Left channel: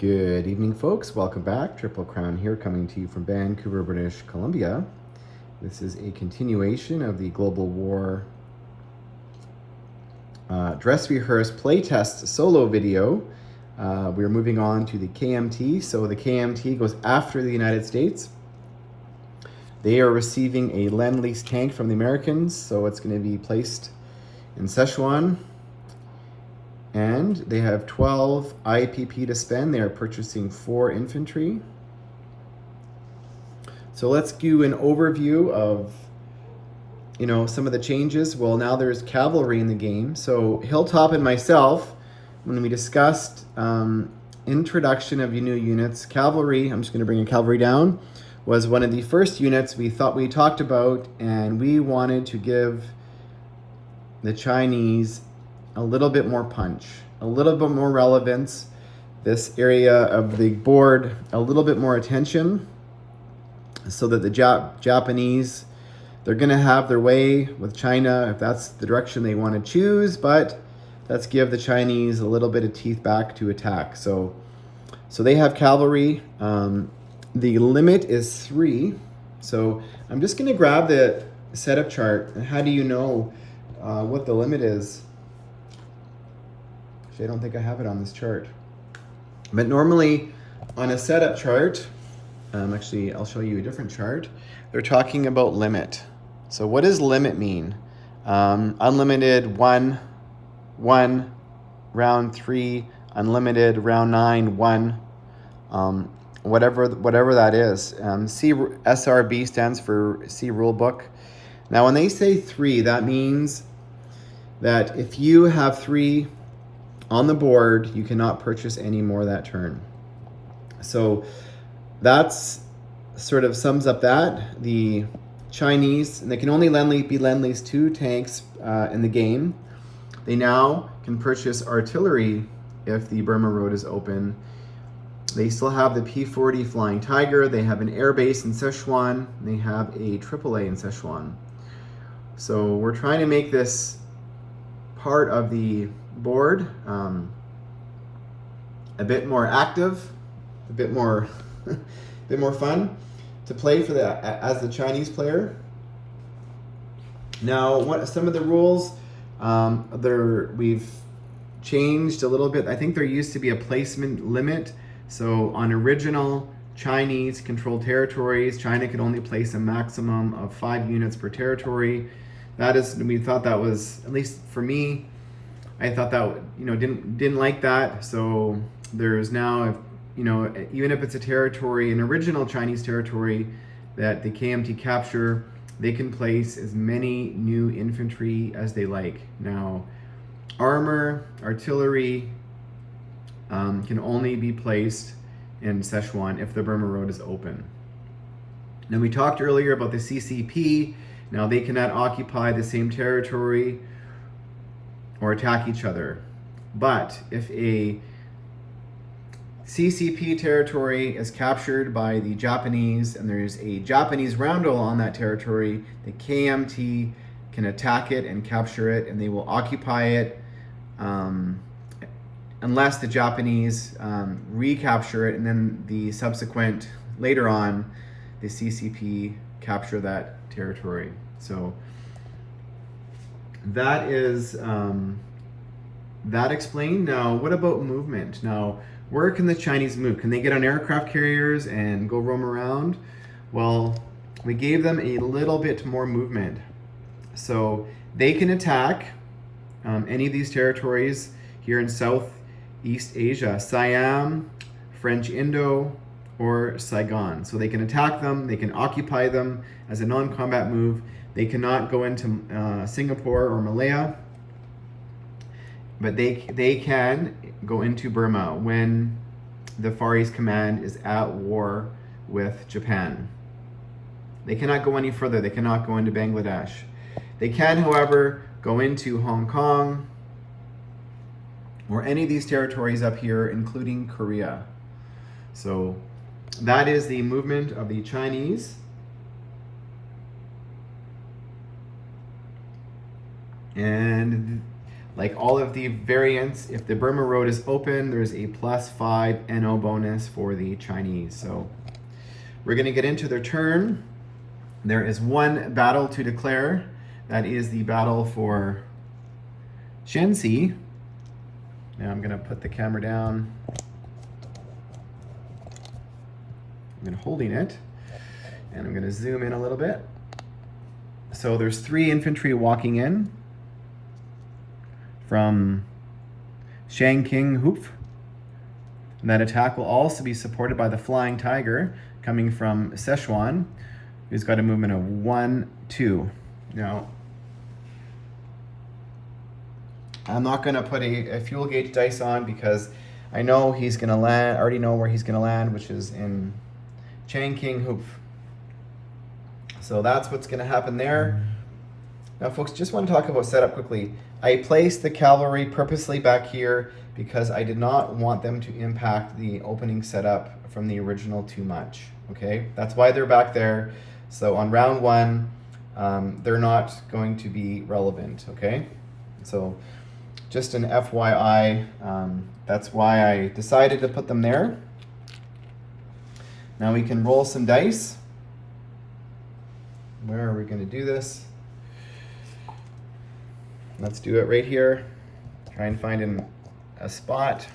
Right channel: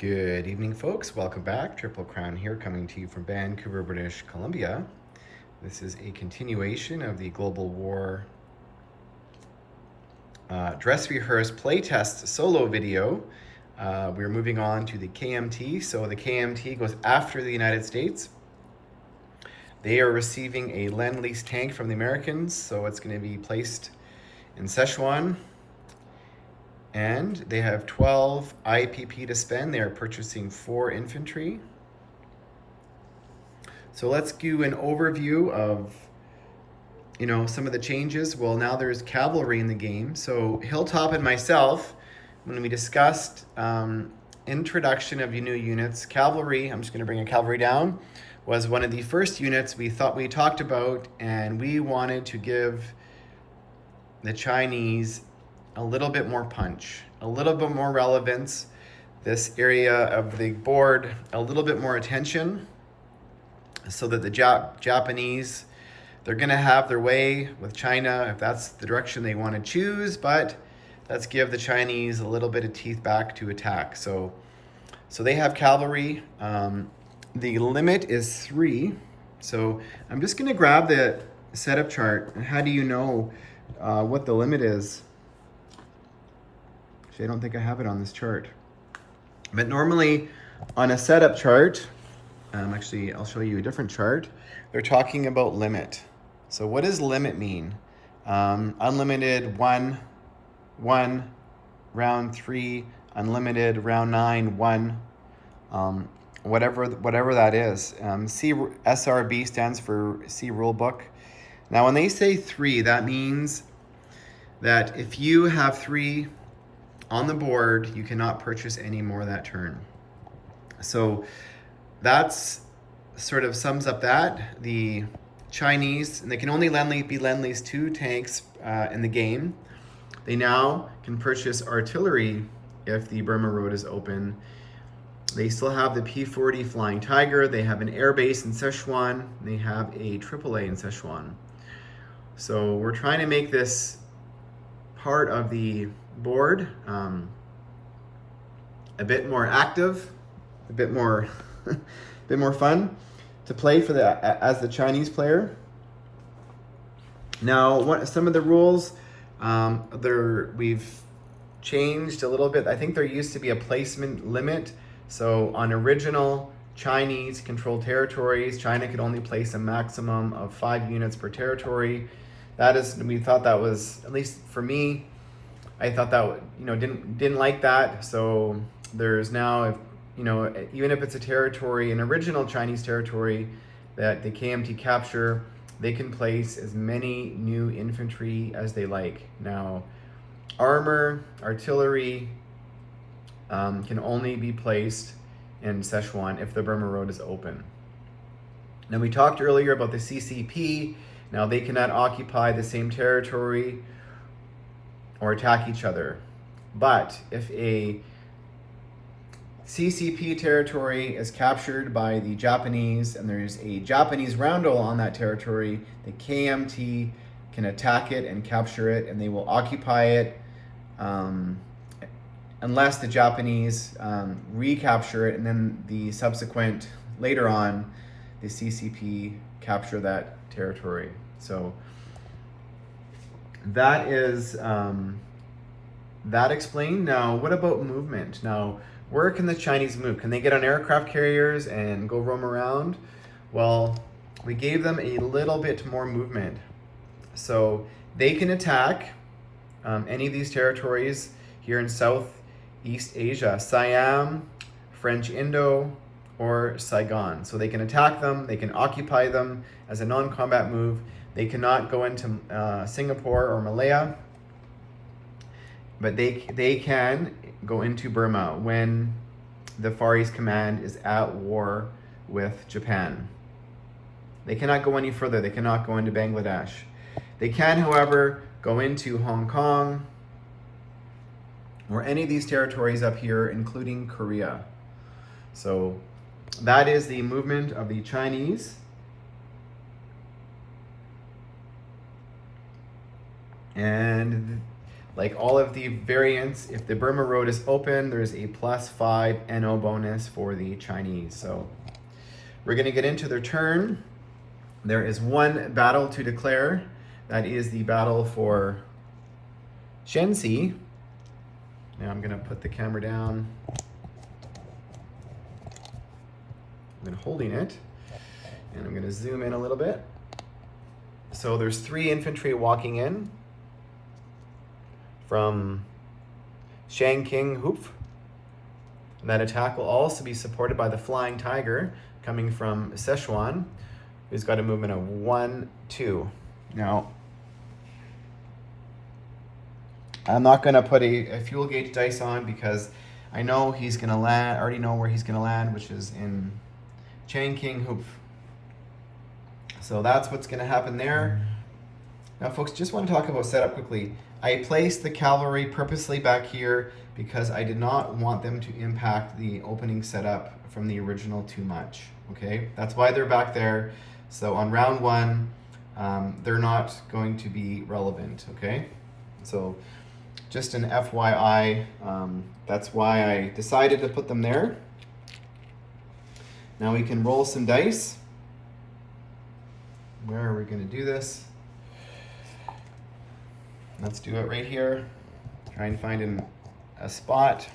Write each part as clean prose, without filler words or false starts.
Good evening, folks. Welcome back. Triple Crown here, coming to you from Vancouver, British Columbia. This is a continuation of the Global War dress rehearse playtest solo video. We're moving on to the KMT. So the KMT goes after the United States. They are receiving a Lend-Lease tank from the Americans, so it's going to be placed in Szechuan. And they have 12 IPP to spend. They are purchasing 4 infantry. So let's do an overview of, some of the changes. Well, now there's cavalry in the game. So Hilltop and myself, when we discussed introduction of new units, cavalry, I'm just going to bring a cavalry down, was one of the first units we talked about, and we wanted to give the Chinese a little bit more punch, a little bit more relevance, this area of the board a little bit more attention, so that the Japanese, they're going to have their way with China if that's the direction they want to choose, but let's give the Chinese a little bit of teeth back to attack. So they have cavalry. The limit is 3. So I'm just going to grab the setup chart. And how do you know what the limit is? I don't think I have it on this chart. But normally on a setup chart, actually I'll show you a different chart, they're talking about limit. So what does limit mean? Unlimited 1, round 3, unlimited, round 9, 1, whatever that is. SRB stands for C rule book. Now when they say 3, that means that if you have 3 on the board, you cannot purchase any more that turn. So that's sort of sums up that. The Chinese, and they can only be Lend-Lease 2 tanks in the game. They now can purchase artillery if the Burma Road is open. They still have the P-40 Flying Tiger. They have an air base in Szechuan. They have a AAA in Szechuan. So we're trying to make this part of the board a bit more active, a bit more fun to play for as the Chinese player. Now, some of the rules we've changed a little bit. I think there used to be a placement limit. So on original Chinese controlled territories, China could only place a maximum of 5 units per territory. We thought that was, at least for me, I thought that, didn't like that. So there's now, even if it's a territory, an original Chinese territory that the KMT capture, they can place as many new infantry as they like. Now, armor, artillery can only be placed in Szechuan if the Burma Road is open. Now, we talked earlier about the CCP. Now, they cannot occupy the same territory or attack each other. But if a CCP territory is captured by the Japanese and there's a Japanese roundel on that territory, the KMT can attack it and capture it, and they will occupy it unless the Japanese recapture it, and then later on, the CCP capture that territory. So that is that explained. Now, what about movement? Now, where can the Chinese move? Can they get on aircraft carriers and go roam around? Well, we gave them a little bit more movement. So they can attack any of these territories here in Southeast Asia, Siam, French Indo, or Saigon. So they can attack them, they can occupy them as a non-combat move. They cannot go into Singapore or Malaya, but they can go into Burma when the Far East Command is at war with Japan. They cannot go any further. They cannot go into Bangladesh. They can, however, go into Hong Kong or any of these territories up here, including Korea. So that is the movement of the Chinese. And like all of the variants, if the Burma Road is open, there's a +5 NO bonus for the Chinese. So we're going to get into their turn. There is one battle to declare. That is the battle for Shenxi. Now I'm going to put the camera down. I'm holding it, and I'm going to zoom in a little bit. So there's 3 infantry walking in from Shangqing Hoof. And that attack will also be supported by the Flying Tiger coming from Sichuan, who's got a movement of 1, 2. Now, I'm not going to put a fuel gauge dice on because I know he's going to land, I already know where he's going to land, which is in Changqing Hoof. So that's what's going to happen there. Now, folks, just want to talk about setup quickly. I placed the cavalry purposely back here because I did not want them to impact the opening setup from the original too much. Okay, that's why they're back there. So on round 1, they're not going to be relevant. Okay, so just an FYI, that's why I decided to put them there. Now we can roll some dice. Where are we going to do this? Let's do it right here. Try and find a spot.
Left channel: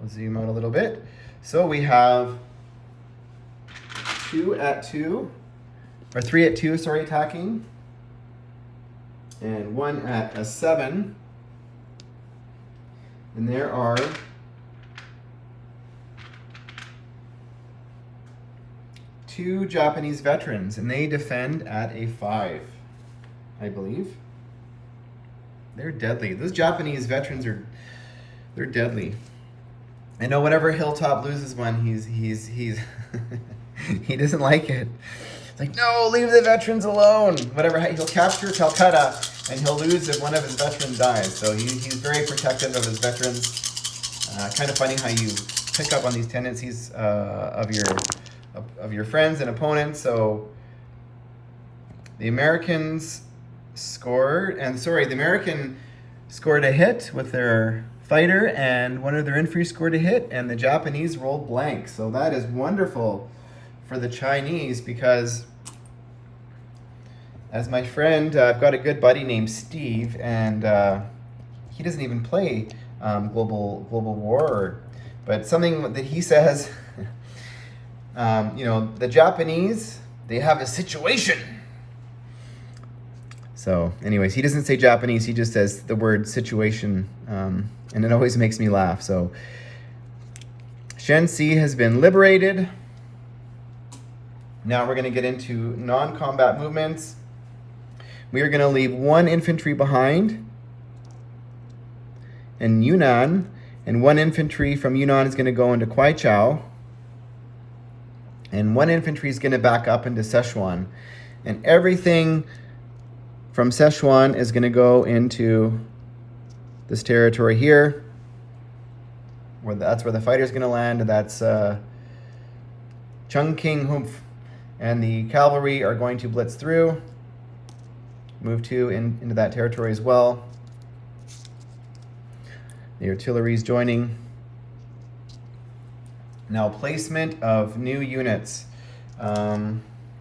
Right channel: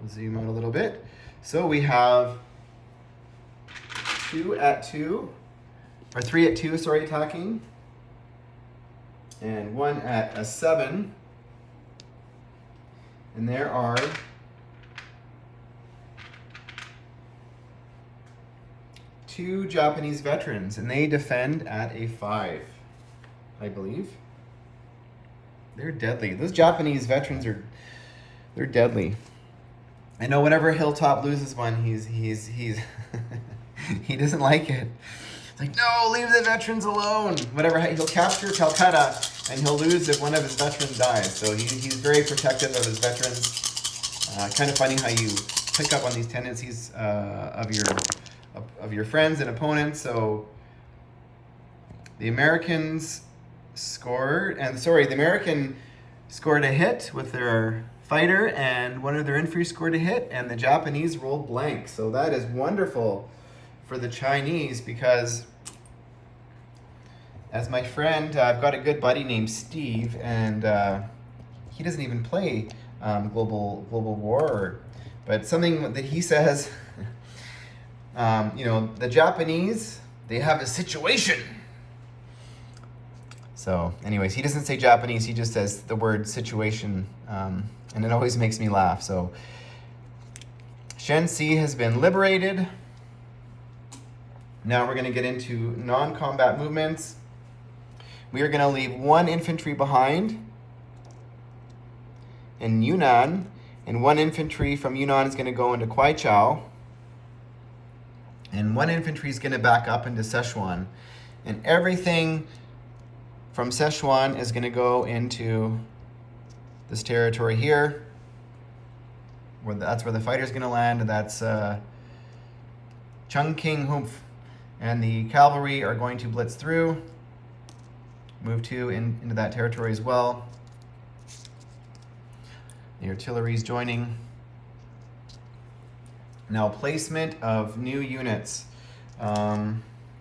We'll zoom out a little bit. So we have 2 at 2, or 3 at 2, sorry, attacking, and 1 at a 7. And there are 2 Japanese veterans, and they defend at a 5, I believe. They're deadly. Those Japanese veterans they're deadly. I know whenever Hilltop loses one, he's he doesn't like it. It's like, no, leave the veterans alone. Whatever, he'll capture Calcutta and he'll lose if one of his veterans dies. So he's very protective of his veterans. Kind of funny how you pick up on these tendencies of your friends and opponents. So the Americans scored, the American scored a hit with their fighter, and one of their infantry scored a hit, and the Japanese rolled blank. So that is wonderful for the Chinese because, as my friend, I've got a good buddy named Steve, and he doesn't even play Global War, but something that he says, the Japanese, they have a situation. So anyways, he doesn't say Japanese, he just says the word situation, and it always makes me laugh. So Shenxi has been liberated. Now we're going to get into non-combat movements. We are going to leave 1 infantry behind in Yunnan, and 1 infantry from Yunnan is going to go into Kwaichao, and 1 infantry is going to back up into Sichuan, and everything from Sichuan is going to go into this territory here, that's where the fighter's going to land. That's Chungking Humph, and the cavalry are going to blitz through, move into that territory as well. The artillery is joining. Now, placement of new units.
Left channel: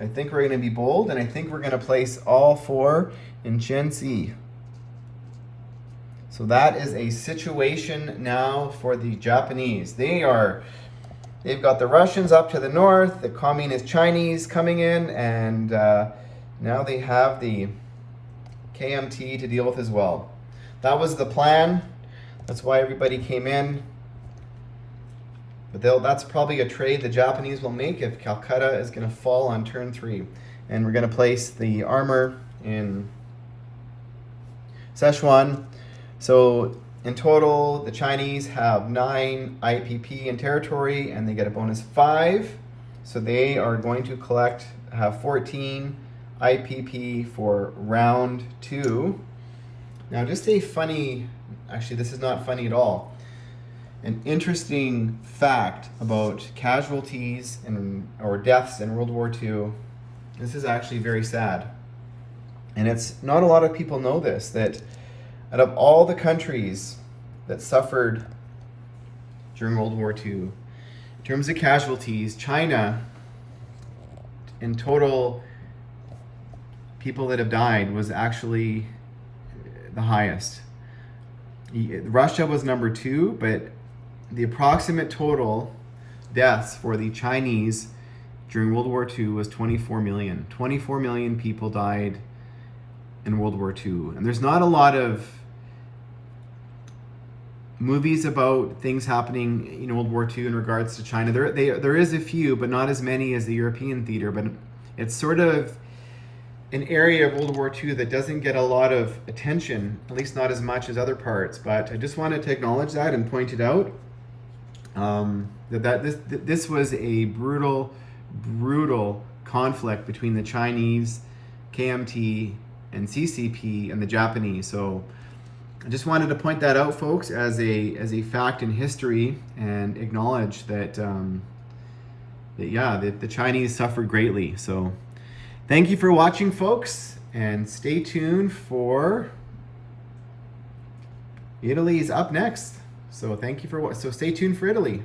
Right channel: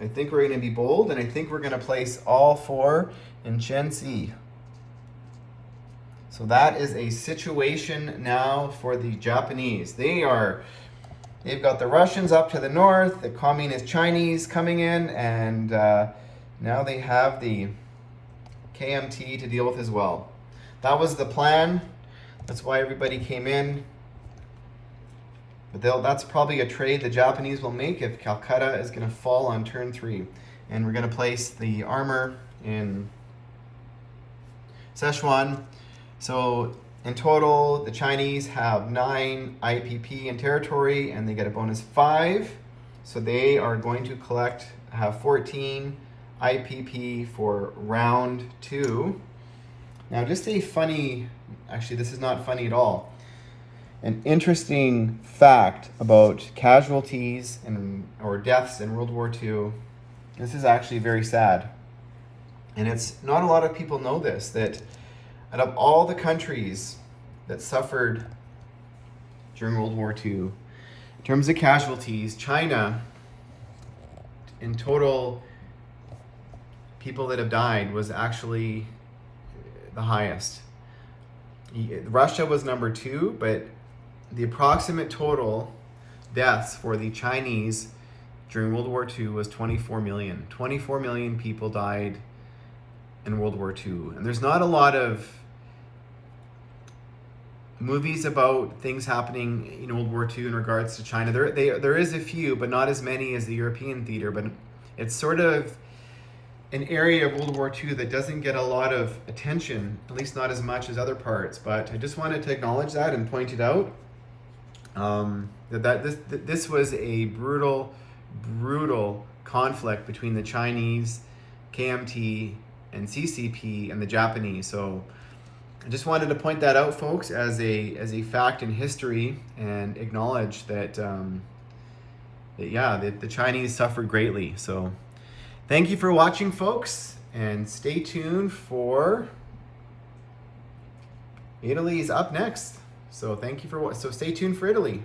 I think we're going to be bold, and I think we're going to place all 4 in Shenxi. So that is a situation now for the Japanese. They've got the Russians up to the north, the Communist Chinese coming in, and now they have the KMT to deal with as well. That was the plan. That's why everybody came in. But that's probably a trade the Japanese will make if Calcutta is going to fall on turn 3. And we're going to place the armor in Sichuan. So in total, the Chinese have 9 IPP in territory, and they get a bonus 5. So they are going to have 14 IPP for round 2. Now, just actually this is not funny at all. An interesting fact about casualties or deaths in World War II. This is actually very sad. And it's not a lot of people know this, that out of all the countries that suffered during World War II, in terms of casualties, China, in total, people that have died was actually the highest. Russia was number 2, but the approximate total deaths for the Chinese during World War II was 24 million. 24 million people died in World War II. And there's not a lot of movies about things happening in World War II in regards to China. There is a few, but not as many as the European theater. But it's sort of an area of World War II that doesn't get a lot of attention, at least not as much as other parts. But I just wanted to acknowledge that and point it out. This was a brutal conflict between the Chinese, KMT, and CCP and the Japanese. So I just wanted to point that out, folks, as a fact in history, and acknowledge that the Chinese suffered greatly. So thank you for watching, folks, and stay tuned for Italy's up next. So stay tuned for Italy.